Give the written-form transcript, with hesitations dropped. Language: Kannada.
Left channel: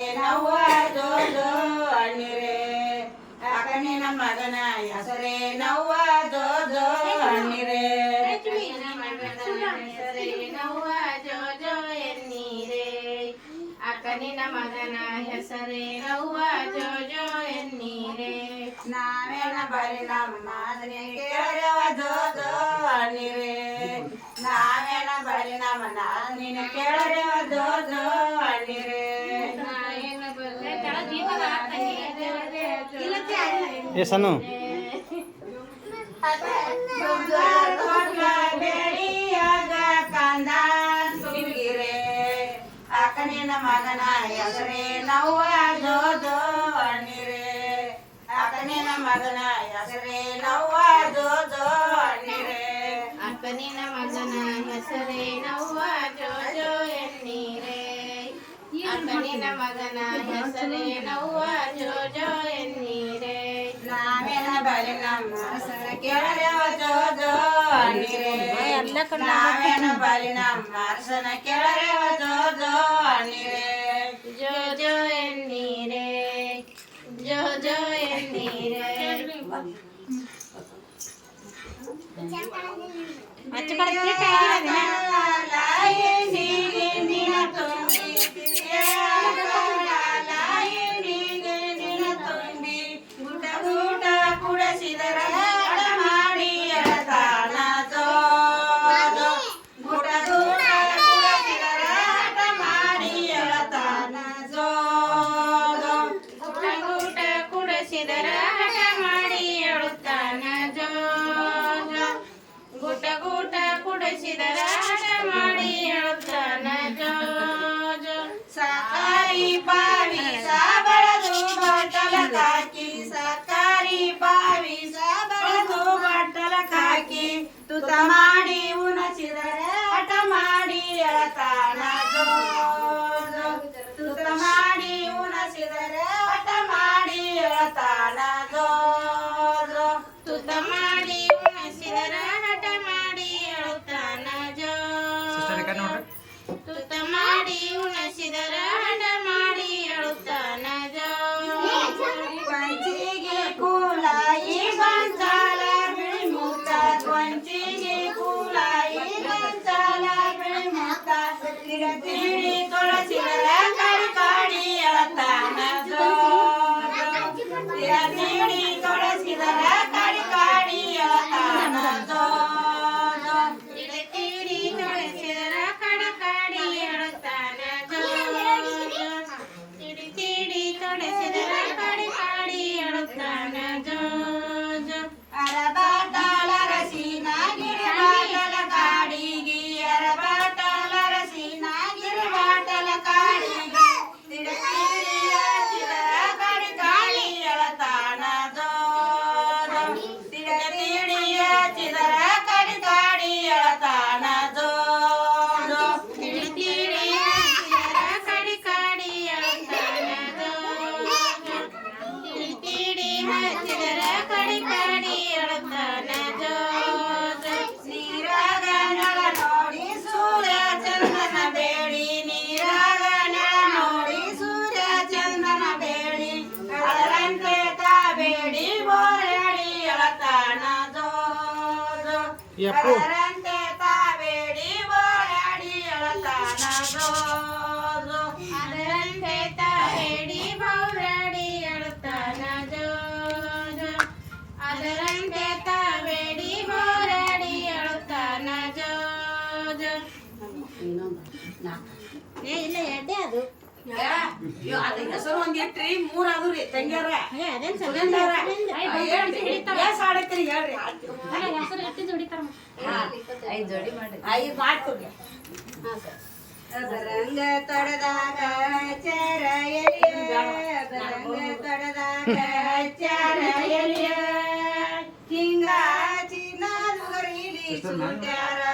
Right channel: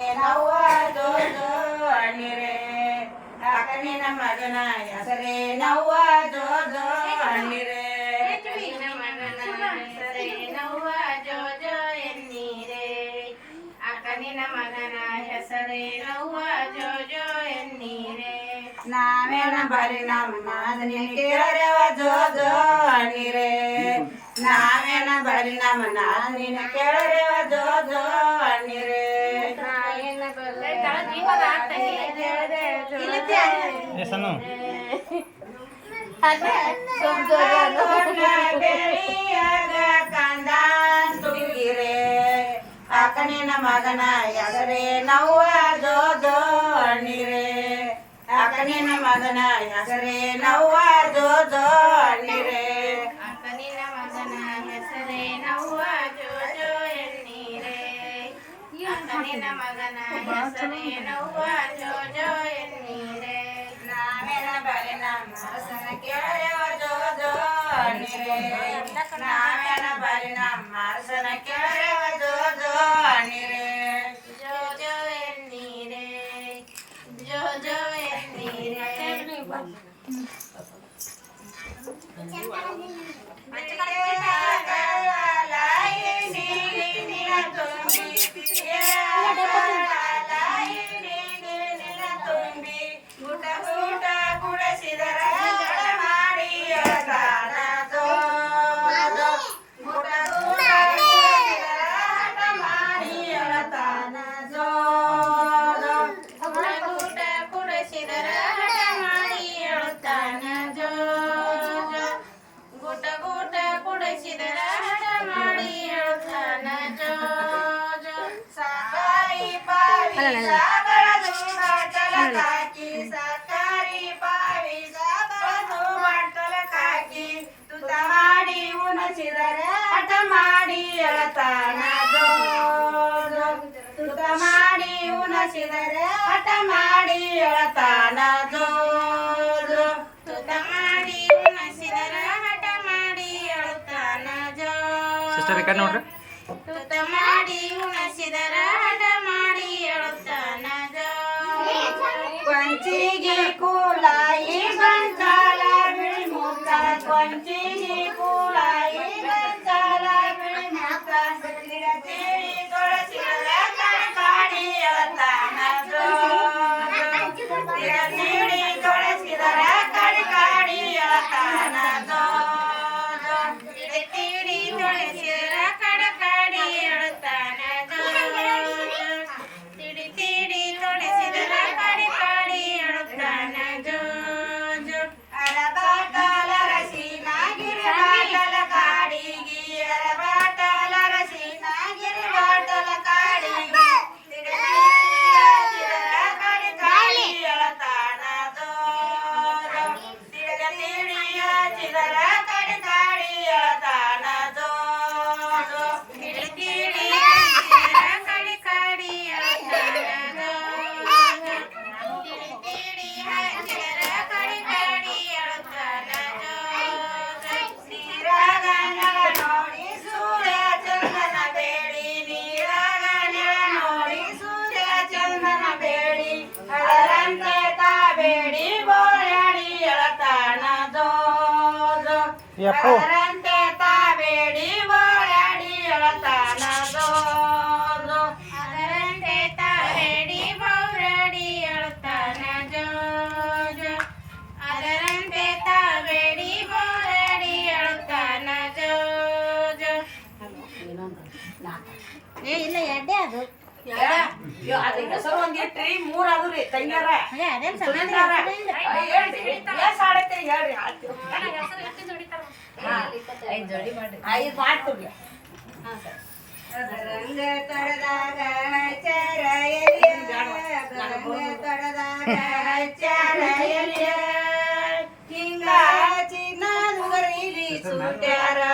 ನವ್ವ ಜೋ ಜೋ ಅಣ್ಣಿರೆ ಅಕ್ಕನಿನ ಮಗನ ಹೆಸರೇ ನವ್ವ ಜೋ ಜೋ ಅಣ್ಣಿರೆ ನವ್ವ ಜೋ ಜೋ ಎನ್ನೀರೆ ಅಕ್ಕನಿನ ಮಗನ ಹೆಸರೇ ನವ್ವ ಜೋ ಜೋ ಎನ್ನೀರೆ ನಾವೇನ ಬರಿ ನಮ್ಮ ನಾದನಿ ಕೇಳರವ ಜೋ ಜೋ ಅಣ್ಣಿರೆ ನಾವೇನ ಬರಿ ನಮ್ಮ ನಾದಿನ ಕೇಳರವ ಜೋ ಜೋ ಅಣ್ಣಿರೆ ಸಣ್ಣ ಕಂದ ತುಂಬಿರೆ ಅಕ್ಕನಿನ ಮಗನ ಹೆಸರೇ ನವ್ವ ಜೋ ಜೋ ಅಣ್ಣಿರೆ ಅಕ್ಕನಿನ ಮಗನ ಹೆಸರೇ ನವ್ವ ಜೋ ಜೋ ಅಣ್ಣಿರೆ ಅಕ್ಕನಿನ ಮಗನ ಹೆಸರೇ ನವ್ವ ಜೋ ಜೋ ಎನ್ನೀರೆ ಅಕ್ಕನಿನ ಮಗನ ಹೆಸರೇ ನವ್ವ ಜೋ ಜೋ ಎನ್ನೀರೆ ನಾವೇನ ಬಲಿ ನಮ್ಮ ಅರಸನ ಕೇಳರೆವ ಜೋ ಜೋ ಅಣ್ಣಿರೆ ನಾವೇನ ಬಲಿ ನಮ್ಮ ಅರಸನ ಕೇಳರೆವ ಜೋ ಜೋ ಅಣ್ಣಿರೆ ಜೋ ಜೋ ಎನ್ನೀರೆ ಜೋ ಜೋ ಎನ್ನೀರೆ ಕುಡಸಿದರ ಹಠ ಮಾಡಿ ಹೇಳುತ್ತಾನ ಜೋ ಗೂಟ ಗೂಟ ಕುಡಿಸಿದರ ಹಠ ಮಾಡಿ ಹೇಳುತ್ತಾನ ಜೋ ಜೋ ಸಾಕಾರಿ ಬಾವಿ ಸಾಬಳದು ಬಾಟಲ ಕಾಕಿ ಸಾಕಾರಿ ಬಾವಿ ಸಾಬಳದು ಬಾಟಲ ಕಾಕಿ ತುತ ಮಾಡಿ ಉಣಸಿದರೆ ಹಠ ಮಾಡಿ ಎಳತಾನ ಜೋ ಜೋ ತುತ ಮಾಡಿ ಉಣಸಿದರೆ ಹಠ ಮಾಡಿ ಎಳತಾನ ಜೋ ಜೋ ತುತ ಮಾಡಿ ಉಣಸಿದರ ಹಠ ಮಾಡಿ ಹೇಳುತ್ತಾನ ಜೋ ನೋಡ್ರಿ ತುತ ಮಾಡಿ ಉಣಸಿದರ ಹಠ ಮಾಡಿ ಹೇಳುತ್ತಾನ ಜೋ ಕೊಂಚಿಗೆ ಕೂಲಾಯಿ ಬಂಚಾಲ ಬಿಳಿ ಮುಖ ಕೊಂಚಿಗೆ ಕೂಲಾಯಿ ಬಂಚಾಲ ಬಿಳಿ ಮುಖ ತಿಡಿ ತೊಳಸಿದರೆ ಕಡಿ ಕಾಡಿ ಎಳತಾನ ಜೋ ತಿಡಿ ತೊಳಸಿದರೆ ಕಡಿ ಕಾಡಿ ಎಳತಾನ ಜೋ ತಿಡಿ ತೊಳಸಿದರ ಕಡಕಾಡಿ ಹೇಳುತ್ತಾನ ಜೋ ತಿಡಿ ತಿಡಿ ತೊಳಸಿದರ ಕಡಕಾಡಿ ಹೇಳುತ್ತಾನ ಜೋ ಜೋ ಅರಬಾಟಲ ರಸಿನ ಗಿರಿಬಾಟಲ ಕಾಡಿಗಿ ಅರಬಾಟಲ ರಸಿನ ಗಿರಿಬಾಟಲ ಕಾಡಿಗಿ ತಿಡಿಯ ಚಿದರ ಕಡಿ ಕಾಡಿ ಎಳತಾನ ಜೋ ತಿಡಿಯ ಚಿದರ ಕಡಿ ಕಾಡಿ ಎಳತಾನ ಜೋ ತಿಡಿ ತಿಡಿ ಹಚ್ಚಿದರ ಕಡಕಾಡಿ ಹೇಳುತ್ತಾನ ಜೋ ತಿಡಿ ತಿಡಿ ಹಚ್ಚಿದರ ಕಡಕಾಡಿ ಹೇಳುತ್ತಾನ ಜೋ ಜೋ ನೀರಾಗ ನೆಲ ನೋಡಿ ಸೂರ್ಯ ಚಂದನ ಬೇಡಿ ನೀರಾಗ ನೆಲ ನೋಡಿ ಸೂರ್ಯ ಚಂದನ ಬೇಡಿ ಅದರಂತೆ ತಾ ಬೇಡಿ ಬೋಳಡಿ ಎಳತಾನ ಜೋ ಜೋ ಯಪ್ಪು ಅದರಂತೆ ತಾ ಬೇಡಿ ಬೋಳಡಿ ಎಳತಾನ ಜೋ ಜೋ ಅದರಂತೆ ತಾವೇಡಿ ಬೌರಡಿ ಹೇಳುತ್ತಾನ ಜೋ ಜೋ ಅದರಂತೆ ತಾವೇಡಿ ಬೌರಡಿ ಹೇಳುತ್ತಾನ ಜೋ ಜೋ ಇಲ್ಲ ಎಡ್ಡೆ ಅದು ಅದ್ರ ಹೆಸರು ಒಂದ್ ಇಟ್ರಿ ಮೂರ್ ಅದು ರೀ ತಂಗ್ಯಾರ ಅದೇನ್ ಆಡತ್ರಿ ಹೇಳ್ರಿ ಐದು ಮಾಡ್ತೀವಿ ಅದರಂಗ ತೊಡೆದಾಗ ಹಚ್ಚಾರ ಎಲಿಯ ಅದರಂಗ ತೊಡೆದಾಗ ಹಚ್ಚಾರ ಎಲಿಯ ಹಿಂಗ ಚಿನ್ನದ ಗರೀಲಿ ಸುಟ್ಯಾರ